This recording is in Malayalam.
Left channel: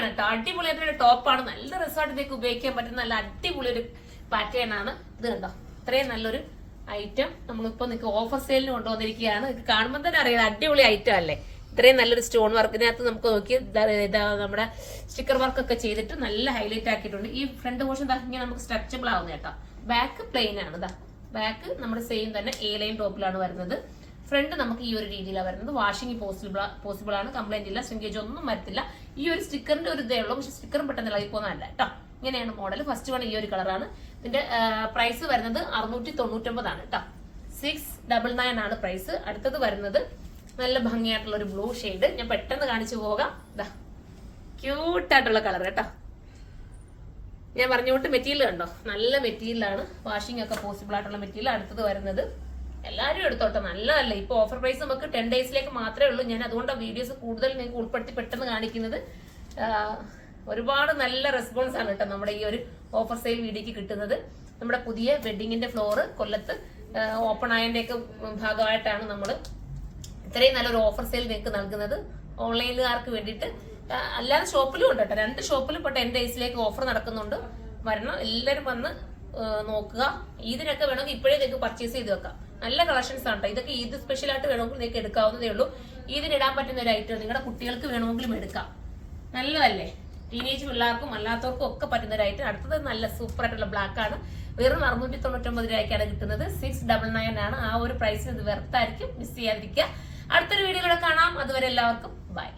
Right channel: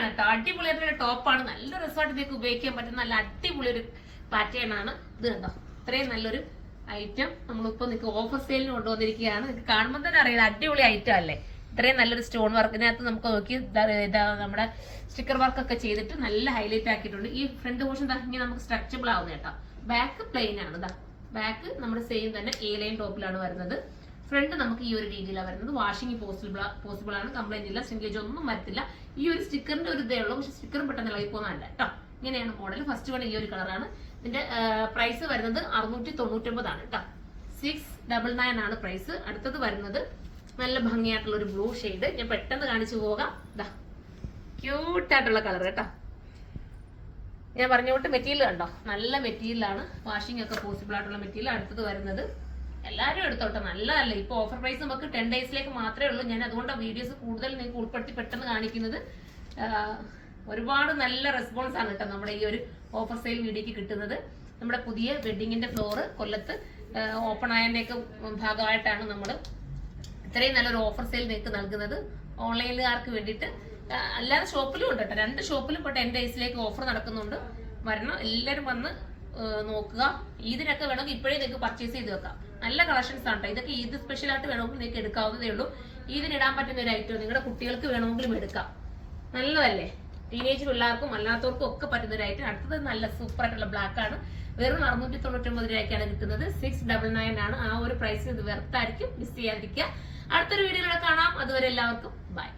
അടിപൊളിയാണ് കേട്ടോ. അടിപൊളിയായിട്ടുള്ള ടോപ്പാണ്. നല്ല രസമായിട്ട് ഉപയോഗിക്കാൻ പറ്റുന്ന നല്ല അടിപൊളി ഒരു പാറ്റേൺ ആണ് ഇത്. കണ്ടോ, ഇത്രയും നല്ലൊരു ഐറ്റം നമ്മളിപ്പോ നിങ്ങൾക്ക് ഓഫർ സെയിലിന് കൊണ്ടുവന്നിരിക്കുകയാണ്. കാണുമ്പോൾ തന്നെ അറിയാം അടിപൊളി ഐറ്റം അല്ലേ. ഇത്രയും നല്ലൊരു സ്റ്റോൺ വർക്കിനകത്ത് നമുക്ക് നോക്കി നമ്മുടെ സ്റ്റിക്കർ വർക്ക് ഒക്കെ ചെയ്തിട്ട് നല്ല ഹൈലൈറ്റ് ആക്കിയിട്ടുണ്ട്. ഈ ഫ്രണ്ട് പോർഷൻ ഇങ്ങനെ നമുക്ക് സ്ട്രെച്ചബിൾ ആവുന്ന കേട്ടോ. ബാക്ക് പ്ലെയിൻ ആണ്. ഇതാ ബാക്ക് നമ്മുടെ സെയിം തന്നെ എ ലൈൻ ടോപ്പിലാണ് വരുന്നത്. ഫ്രണ്ട് നമുക്ക് ഈ ഒരു രീതിയിലാണ് വരുന്നത്. വാഷിംഗ് പോസിബിൾ ആണ്. കംപ്ലൈന്റ് ഇല്ല, ശ്രിങ്കേജ് ഒന്നും വരത്തില്ല. ഈ ഒരു സ്റ്റിക്കറിന്റെ ഒരു ഇതേ ഉള്ളൂ, പക്ഷെ സ്റ്റിക്കറും പെട്ടെന്ന് ഇളകി പോകുന്നതല്ല കേട്ടോ. ഇങ്ങനെയാണ് മോഡൽ. ഫസ്റ്റ് വൺ ഈ ഒരു കളറാണ്. ഇതിന്റെ പ്രൈസ് വരുന്നത് 699 ആണ് കേട്ടോ. 699 ആണ് പ്രൈസ്. അടുത്തത് വരുന്നത് നല്ല ഭംഗിയായിട്ടുള്ള ഒരു ബ്ലൂ ഷെയ്ഡ്. ഞാൻ പെട്ടെന്ന് കാണിച്ചു പോകാം. ഇതാ ക്യൂട്ടായിട്ടുള്ള കളർ കേട്ടോ. ഞാൻ പറഞ്ഞുകൊണ്ട് മെറ്റീരിയൽ കണ്ടോ, നല്ല മെറ്റീരിയലാണ്. വാഷിംഗ് ഒക്കെ പോസിബിൾ ആയിട്ടുള്ള മെറ്റീരിയൽ. അടുത്തത് വരുന്നത് എല്ലാവരും എടുത്തോട്ടെ, നല്ലതല്ലേ. ഇപ്പൊ ഓഫർ പ്രൈസ് നമുക്ക് 10 ഡേയ്സിലേക്ക് മാത്രമേ ഉള്ളൂ. ഞാൻ അതുകൊണ്ട് വീഡിയോസ് കൂടുതൽ നിങ്ങൾക്ക് ഉൾപ്പെടുത്തി പെട്ടെന്ന് കാണിക്കുന്നത്. ഒരുപാട് നല്ല റെസ്പോൺസ് ആണ് കേട്ടോ നമ്മുടെ ഈ ഒരു ഓഫർ സെയിൽ വീഡിയോക്ക് കിട്ടുന്നത്. നമ്മുടെ പുതിയ വെഡിങ്ങിന്റെ ഫ്ലോറ് കൊല്ലത്ത് ഓപ്പൺ ആയതിന്റെയൊക്കെ ഭാഗമായിട്ടാണ് നമ്മൾ ഇത്രയും നല്ലൊരു ഓഫർ സെയിൽ നിങ്ങൾക്ക് നൽകുന്നത്. ഓൺലൈനുകാർക്ക് വേണ്ടിയിട്ട് അല്ലാതെ ഷോപ്പിലും ഉണ്ട് കേട്ടോ. 2 ഷോപ്പിലും ഇപ്പോൾ 10 ഡേയ്സിലേക്ക് ഓഫർ നടക്കുന്നുണ്ട്. വരണം, എല്ലാവരും വന്ന് നോക്കുക. ഇതിനൊക്കെ വേണമെങ്കിൽ ഇപ്പോഴേ നിങ്ങൾക്ക് പർച്ചേസ് ചെയ്ത് വെക്കാം. നല്ല കളക്ഷൻസ് ആണ് കേട്ടോ. ഇതൊക്കെ ഈദ് സ്പെഷ്യൽ ആയിട്ട് വേണമെങ്കിൽ നിങ്ങൾക്ക് എടുക്കാവുന്നതേ ഉള്ളൂ. ഇതിനിടാൻ പറ്റുന്ന ഒരു ഐറ്റം നിങ്ങളുടെ കുട്ടികൾക്ക് വേണമെങ്കിലും എടുക്കാം. നല്ലതല്ലേ, ടീനേജ് പിള്ളേർക്കും അല്ലാത്തവർക്കും ഒക്കെ പറ്റുന്ന ഒരു ഐറ്റം. അടുത്തത് നല്ല സൂപ്പർ ആയിട്ടുള്ള ബ്ലാക്ക് ആണ്. വെറും 699 രൂപയ്ക്കാണ് കിട്ടുന്നത്. 699 ആണ്. ആ ഒരു പ്രൈസിന് ഇത് വെർത്തായിരിക്കും, മിസ് ചെയ്യാതിരിക്കുക. അടുത്തൊരു വീഡിയോയിലൂടെ കാണാം. അതുവരെ എല്ലാവർക്കും ബൈ.